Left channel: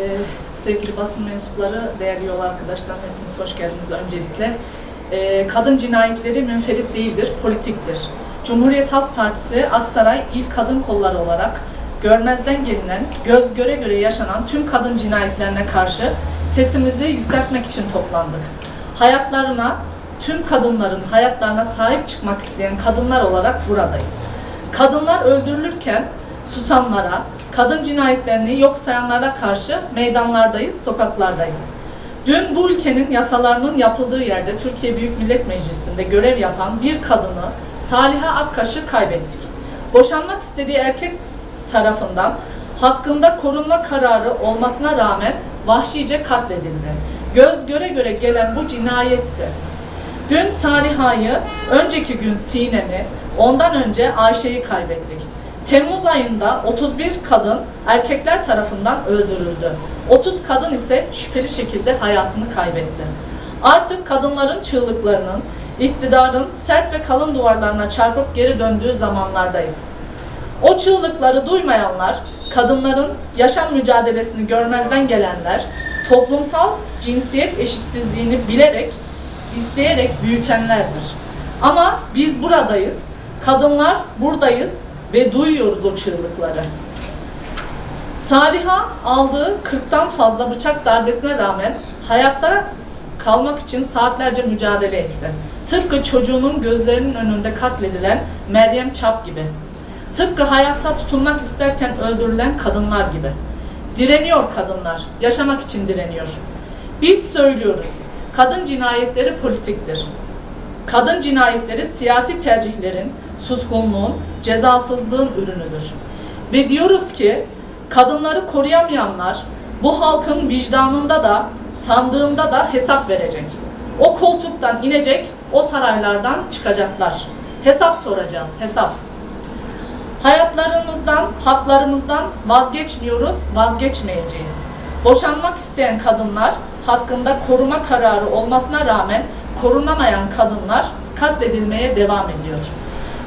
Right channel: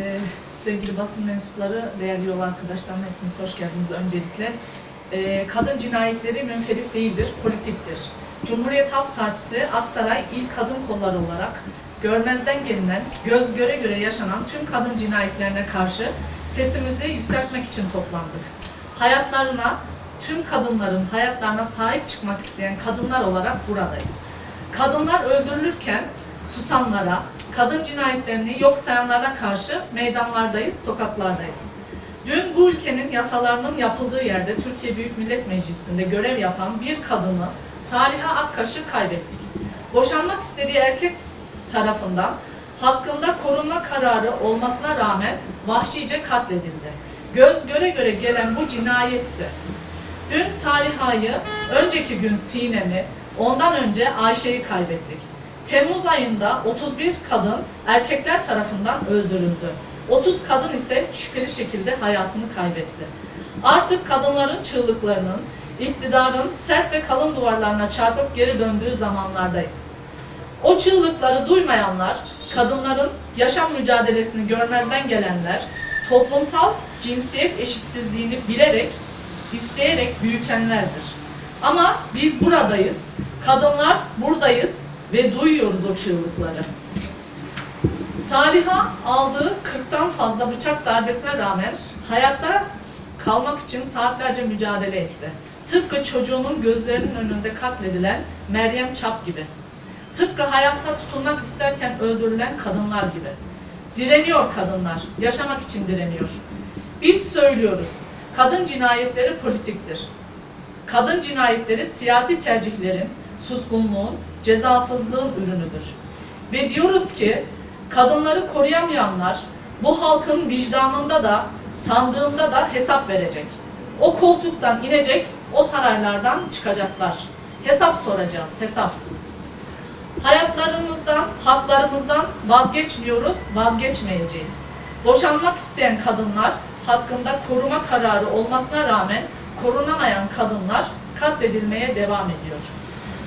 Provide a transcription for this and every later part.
Ee, sevgili basın mensupları, değerli yol arkadaşlarım hepiniz hoş geldiniz öncelikle. Ee, kadın cinayetleri münferit değildir, politiktir. Cumhuriyet Halk Partisi Aksaray İl Kadın Kolları olarak görmezden gelinen, göz göre göre yaşanan tüm kadın cinayetlerine karşı sesimizi yükseltmek için toplandık. Hayatlarına, tüm kadınların hayatlarına sahip çıkmak isteyen kadınlar olarak buradayız. Kadınlar öldürülürken susanlara, kadın cinayetlerini yok sayanlara karşı meydanlardayız, sokaklardayız. Dün bu ülkenin yasalarının yapıldığı yerde Türkiye Büyük Millet Meclisi'nde görev yapan bir kadını Saliha Akkaş'ı kaybettik. Boşanmak istediği erkek tarafından hakkında korunma kararı olmasına rağmen vahşice katledildi. Göz göre göre gelen bu cinayetti. Dün Saliha'yı, önceki gün Sinem'i, ondan önce Ayşe'yi kaybettik. Temmuz ayında 31 kadın erkekler tarafından öldürüldü. 30 kadın ise şüpheli şekilde hayatını kaybetti. Artık kadınların çığlıklarının, iktidarın sert ve kalın duvarlarına çarpıp geri döndüğü zamanlardayız. O çığlıkları duymayanlar, kadınların yaşam mücadelesini görmezden gelenler, toplumsal cinsiyet eşitsizliğini bilerek, isteyerek büyütenlerdir. Ama biz buradayız, kadınlar buradayız ve duyuyoruz o çığlıkları. Saliha aldığı 40'tan fazla bıçak darbesine rağmen hayatta kalmak için saatlerce mücadele etti. Tıpkı çocuğunun gözlerinin önünde katledilen Meryem Çap gibi. Tıpkı hayata tutunmak isterken öldürülen kadınlar gibi. Direniyor kadınlar, yaşamak için direniyor. Biz söylüyoruz, kadın cinayetleri politiktir. Kadın cinayetleri siyasi tercihlerin, suskunluğun, cezasızlığın ürünüdür. Ve diyoruz ki kadınları koruyamayanlar bu halkın vicdanında da sandığında da hesap verecek. O koltuktan inecek, o saraylardan çıkacaklar. Hesap soracağız, hesap. Hayatlarımızdan, haklarımızdan vazgeçmiyoruz, vazgeçmeyeceğiz. Boşanmak isteyen kadınlar hakkında koruma kararı olmasına rağmen korunamayan kadınlar katledilmeye devam ediyor.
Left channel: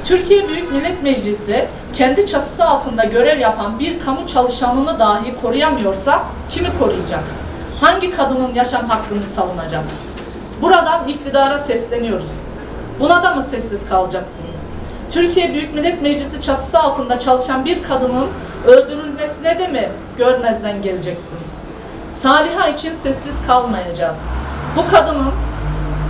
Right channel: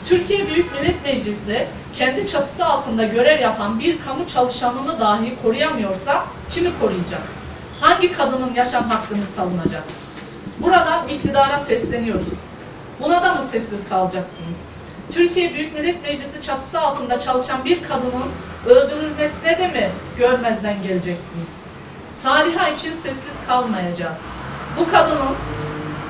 Türkiye Büyük Millet Meclisi kendi çatısı altında görev yapan bir kamu çalışanını dahi koruyamıyorsa kimi koruyacak? Hangi kadının yaşam hakkını savunacak? Buradan iktidara sesleniyoruz. Buna da mı sessiz kalacaksınız? Türkiye Büyük Millet Meclisi çatısı altında çalışan bir kadının öldürülmesine de mi görmezden geleceksiniz? Saliha için sessiz kalmayacağız. Bu kadının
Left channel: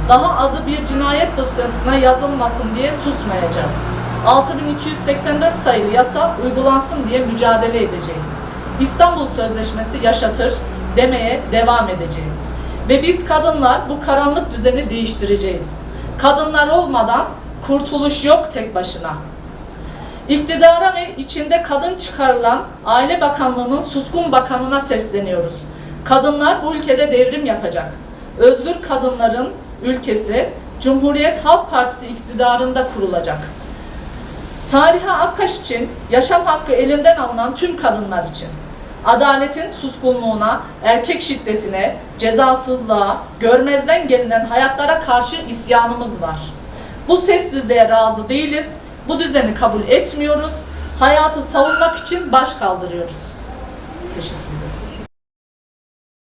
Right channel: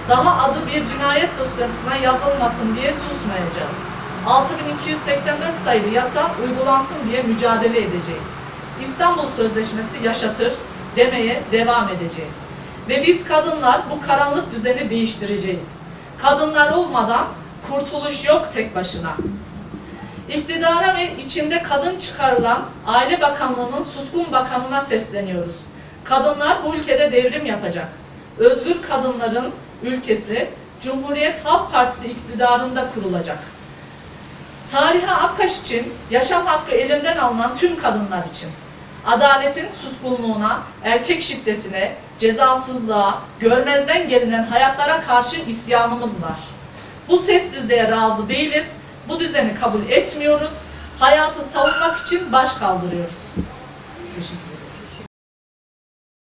daha adı bir cinayet dosyasına yazılmasın diye susmayacağız. 6284 sayılı yasa uygulansın diye mücadele edeceğiz. İstanbul Sözleşmesi yaşatır demeye devam edeceğiz. Ve biz kadınlar bu karanlık düzeni değiştireceğiz. Kadınlar olmadan kurtuluş yok tek başına. İktidara ve içinde kadın çıkarılan Aile Bakanlığı'nın suskun bakanına sesleniyoruz. Kadınlar bu ülkede devrim yapacak. Özgür kadınların ülkesi Cumhuriyet Halk Partisi iktidarında kurulacak. Saliha Akkaş için yaşam hakkı elinden alınan tüm kadınlar için adaletin suskunluğuna, erkek şiddetine, cezasızlığa, görmezden gelinen hayatlara karşı isyanımız var. Bu sessizliğe razı değiliz, bu düzeni kabul etmiyoruz, hayatı savunmak için baş kaldırıyoruz. Teşekkür.